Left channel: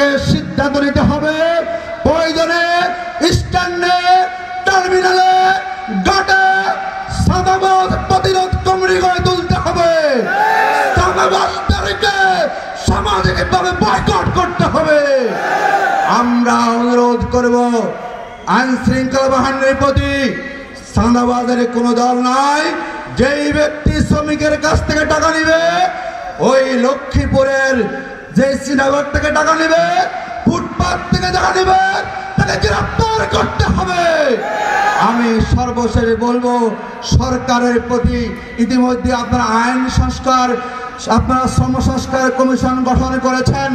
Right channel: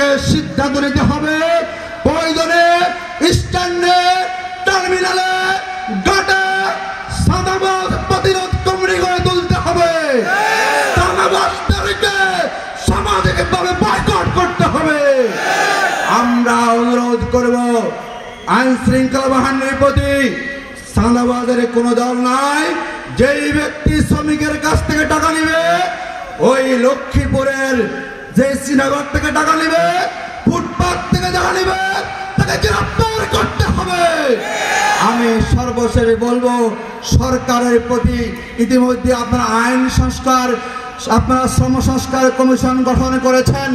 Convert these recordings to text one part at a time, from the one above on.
সরকারকে সিদ্ধান্ত নিতে হবে প্রয়োজনে স্ট্যান্ডে, টার্মিনালে, ঘাটে চাঁদাবাজ প্রতিরোধ কমিটি গড়ে তুলতে হবে। চাঁদাবাজদেরকে সামাজিকভাবে বয়কট করতে হবে। আমরা অনুরোধ করব আইন শৃঙ্খলা বাহিনীর প্রতি, চাঁদাবাজের কোনো দল নাই। যেই ব্যক্তি শ্রমিকের কাছ থেকে টাকা নিবে, ওই লক্ষ্মীপুরের যে সিনেমার থেকে টাকা নিবে, ফুটপাত থেকে টাকা নিবে, তাকে গ্রেফতার করতে হবে। আমি সর্বশেষে বলবো, সরকারের প্রতি ইতিমধ্যে আপনারা আইন সংস্কার, আপনারা শ্রম সংস্কার কমিশন গঠন করেছেন,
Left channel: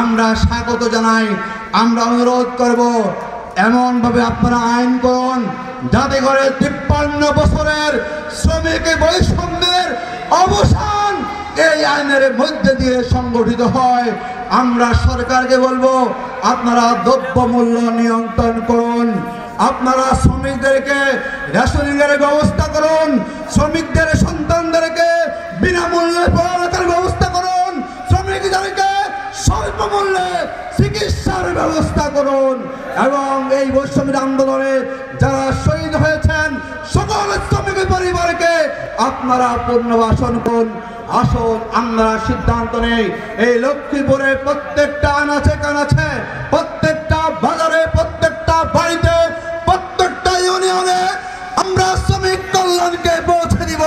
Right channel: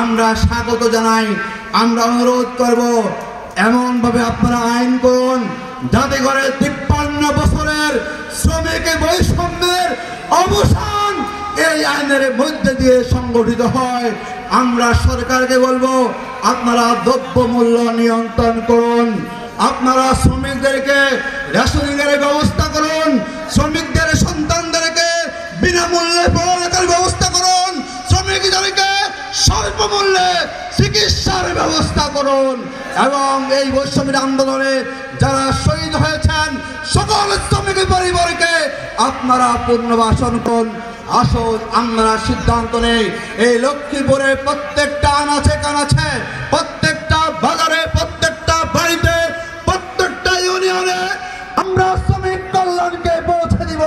আমরা স্বাগত জানাই। আমরা অনুরোধ করব এমন ভাবে আপনারা আইন করুন যাতে করে 53 বছরের শ্রমিক বৈষম্যের অবসান এই আইনের মধ্যে দিয়ে সংগঠিত হয়। আমরা সরকারকে বলবো, আপনারা দ্রব্য মূল্য নিয়ন্ত্রণ করুন, আপনারা শ্রমিকদেরকে রেশনিং এর ব্যবস্থা করুন, শ্রমিকদের সন্তানদেরকে বিনামূল্যে পড়ালেখার ব্যবস্থা করুন, শ্রমিকদেরকে স্বল্প মূল্যে চিকিৎসার ব্যবস্থা করুন এবং এই বৈষম্য আন্দোলনে যারা শহীদ হয়েছেন সকল শ্রমিক পরিবারকে আপনারা পুনর্বাসন করুন। আসুন আমরা সিদ্ধান্ত নেই, এই লক্ষ্মীপুরের প্রত্যেকটা আনাচে কানাচে, প্রত্যেকটা বাজারে, প্রত্যেকটা বাড়িতে, প্রত্যেকটা ইউনিয়নে আমরা শ্রমিক কল্যাণকে পৌঁছে দিব।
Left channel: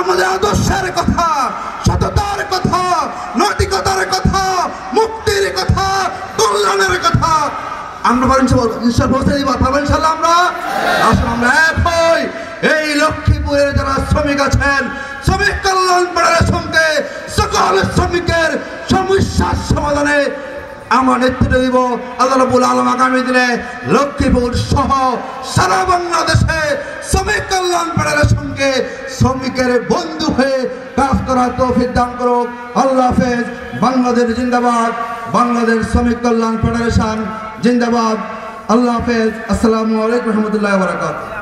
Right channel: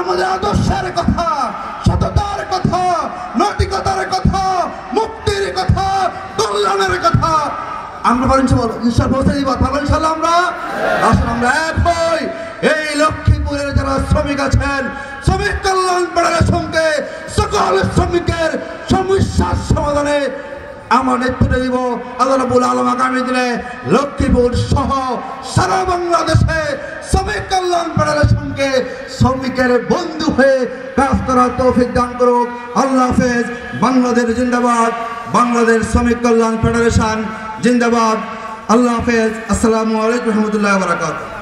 আমাদের আদর্শের কথা, সততার কথা, নৈতিকতার কথা, মুক্তির কথা, কল্যাণের কথা আমরা এই লক্ষ্মীপুরের যারা শ্রমিক আছেন, শ্রমিক কল্যাণ ফেডারেশনকে সকল শ্রমিকের সমস্যার সমাধানে আমার নেতৃত্ব দিব। আল্লাহ রাব্বুল আলামিন আগামী দিনে লক্ষ্মীপুর সহ সারা বাংলাদেশে শ্রমিক কল্যাণ ফেডারেশনকে শ্রমিকের বন্ধু হয়ে কাজ করার তৌফিক দান করুক। আল্লাহ হাফেজ। বাংলাদেশ জিন্দাবাদ। বাংলাদেশ শ্রমিক কল্যাণ ফেডারেশন জিন্দাবাদ। আল্লাহ হাফেজ। আসসালামু আলাইকুম ওয়া রাহমাতুল্লাহি ওয়া বারাকাতুহু।